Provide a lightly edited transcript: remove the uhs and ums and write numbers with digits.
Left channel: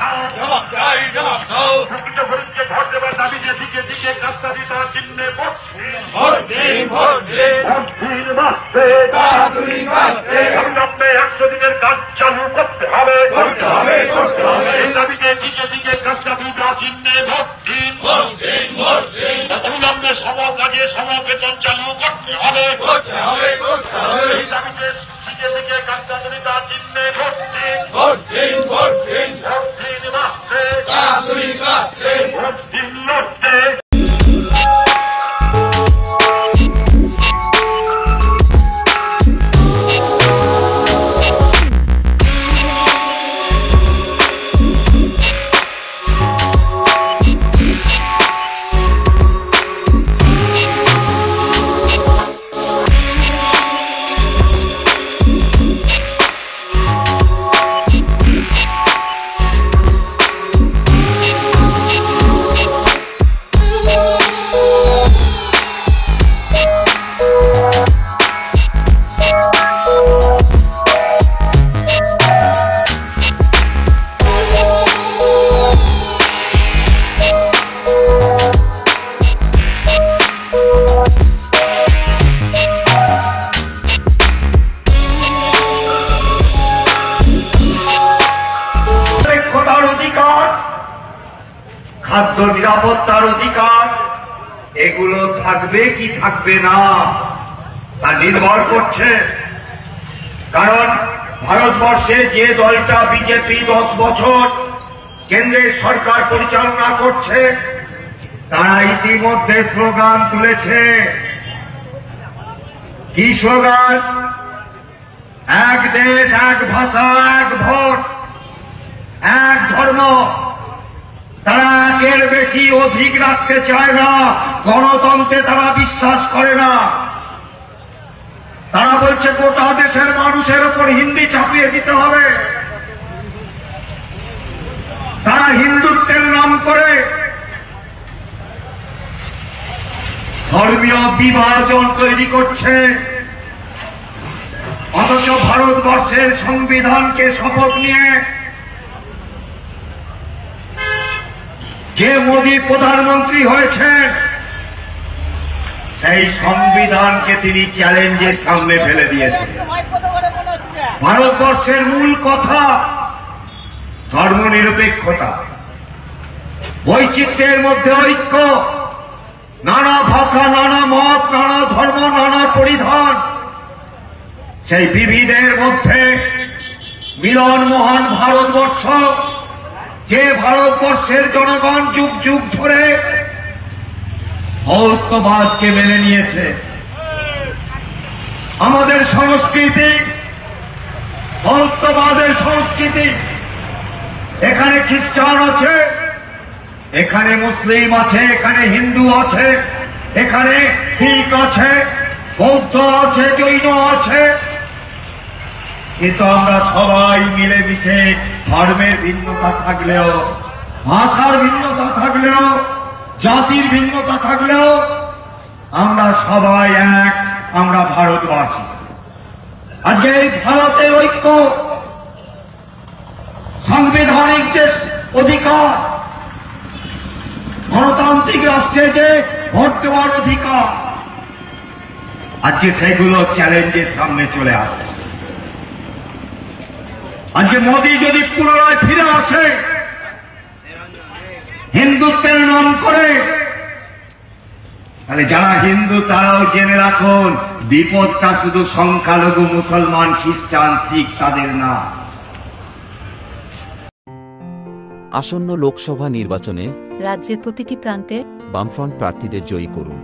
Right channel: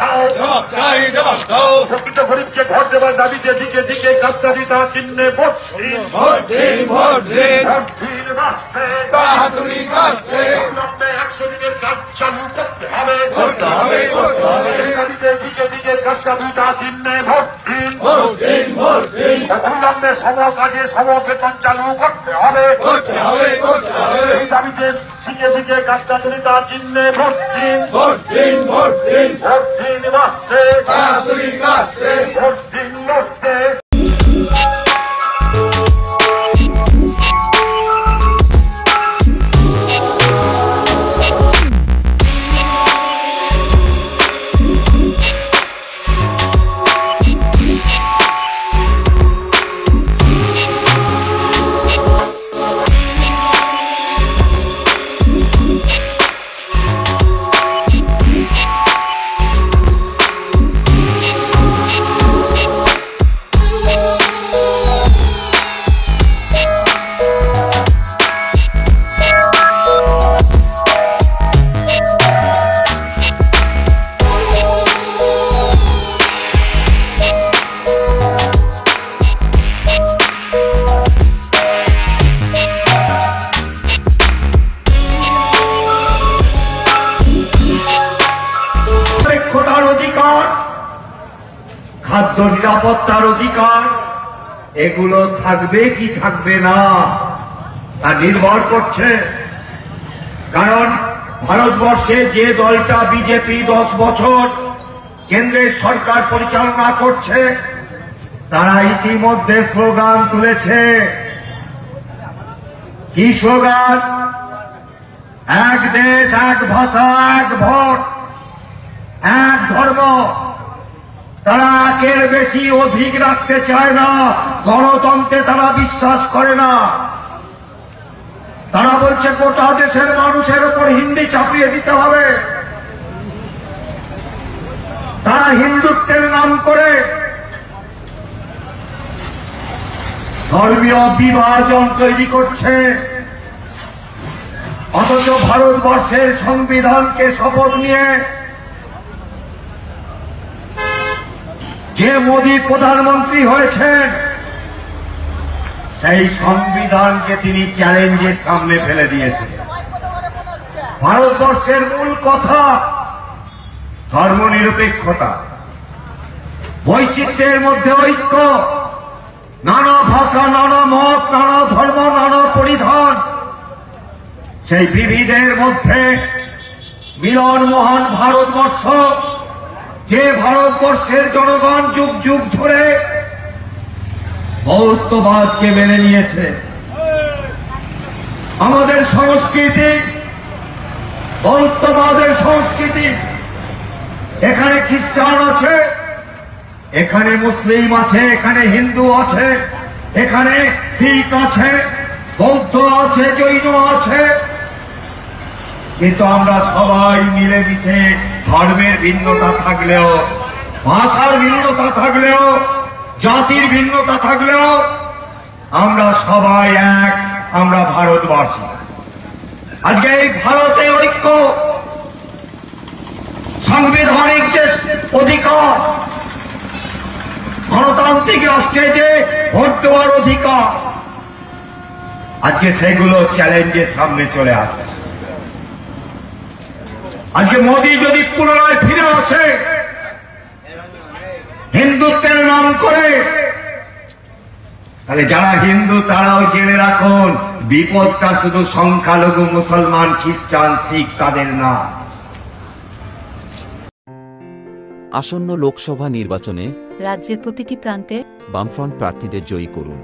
দাও, প্রকৃত গরিবকে ভোট দেওয়ার দাবিতে দিকে দিকে গাদ্দারিতা চিহ্নে ভোট দিন, ভোট দিন, বাঁচতে সামনে 100 দিনের কাজ চালু করতে হবে, দাবিতে দিকে দিকে গাদ্দারিতা চিহ্নে ভোট দিন, অবিলম্বে সম কাজে সম বেতন চালু করতে হবে, দাবিতে দিকে দিকে গাদ্দারিতা চিহ্নে ভোট দিন, ভোট দিন বাঁচতে ভোট দিন লড়তে। খাদ্য নিরাপত্তার অধিকার এগুলো থাকবে কি থাকবে না তা নির্ভর করছে। কারণ ভারতবর্ষে যে দলটা বিজেপি 10 বছর কেন্দ্রের সরকার পরিচালনা করছে তারা ইতিমধ্যে স্লোগান তুলেছে। কি স্লোগান? এক দেশ, এক ভাষা, এক ভোট, এক ধর্ম। তারা একের বেশি অধিক রাখতে চায় না, গণতন্ত্রে তারা বিশ্বাস করে না। তারা বলছে গোটা দেশের মানুষের উপর হিন্দি চাপিয়ে দিতে হবে। তারা হিন্দুত্বের নাম করে ধর্মীয় বিভাজন তৈরি করছে, অথচ ভারতবর্ষের সংবিধানকে শপথ নিয়ে যে মোদী প্রধানমন্ত্রী হয়েছেন সেই সংবিধানকে তিনি চ্যালেঞ্জের সামনে ফেলে দিয়েছেন। ভারতবর্ষের মূল কথা ধর্মনিরপেক্ষতা, বৈচিত্র্যের মধ্যে ঐক্য, নানা ভাষা, নানা মত, নানা ধর্ম, নানা পরিধান, সেই বিবিধের মধ্যে মিলন মহান ভারতবর্ষ, যে ভারতবর্ষের জনগণ যুগ যুগ ধরে বৌদ্ধবাদকে মেনে নিয়েছে। আমাদের সংস্কৃতি বৌদ্ধবাদের সংস্কৃতি। এখানে খ্রিস্টান আছে, এখানে মুসলিম আছে, এখানে হিন্দু আছে, এখানে শিখ আছে, বৌদ্ধ আছে, জৈন আছে, কিন্তু আমরা সবাই মিলেমিশে ধর্মের ভিন্নতা থাকলেও, ভাষার ভিন্নতা থাকলেও, জাতির ভিন্নতা থাকলেও আমরা সবাই এক, আমরা ভারতবাসী। আজকে এই ভারতে ঐক্য, সাংবিধানিক যে অধিকার, গণতান্ত্রিক রাষ্ট্রে যে ভোট দেওয়ার অধিকার, আজকে সেগুলো চ্যালেঞ্জের সামনে চলে আসছে। আজকে মোদী যদি পুনরায় ফিরে আসে হিন্দুত্বের নাম করে, তাহলে যারা হিন্দু তারাও জেনে রাখুন বিপদটা শুধু সংখ্যালঘু মুসলমান, খ্রিস্টান, শিখ তাদের না। আসন্ন লোকসভা নির্বাচনে রাজ্যের প্রতিটি প্রান্তে বামফ্রন্ট প্রার্থীদের জয়ী করুন।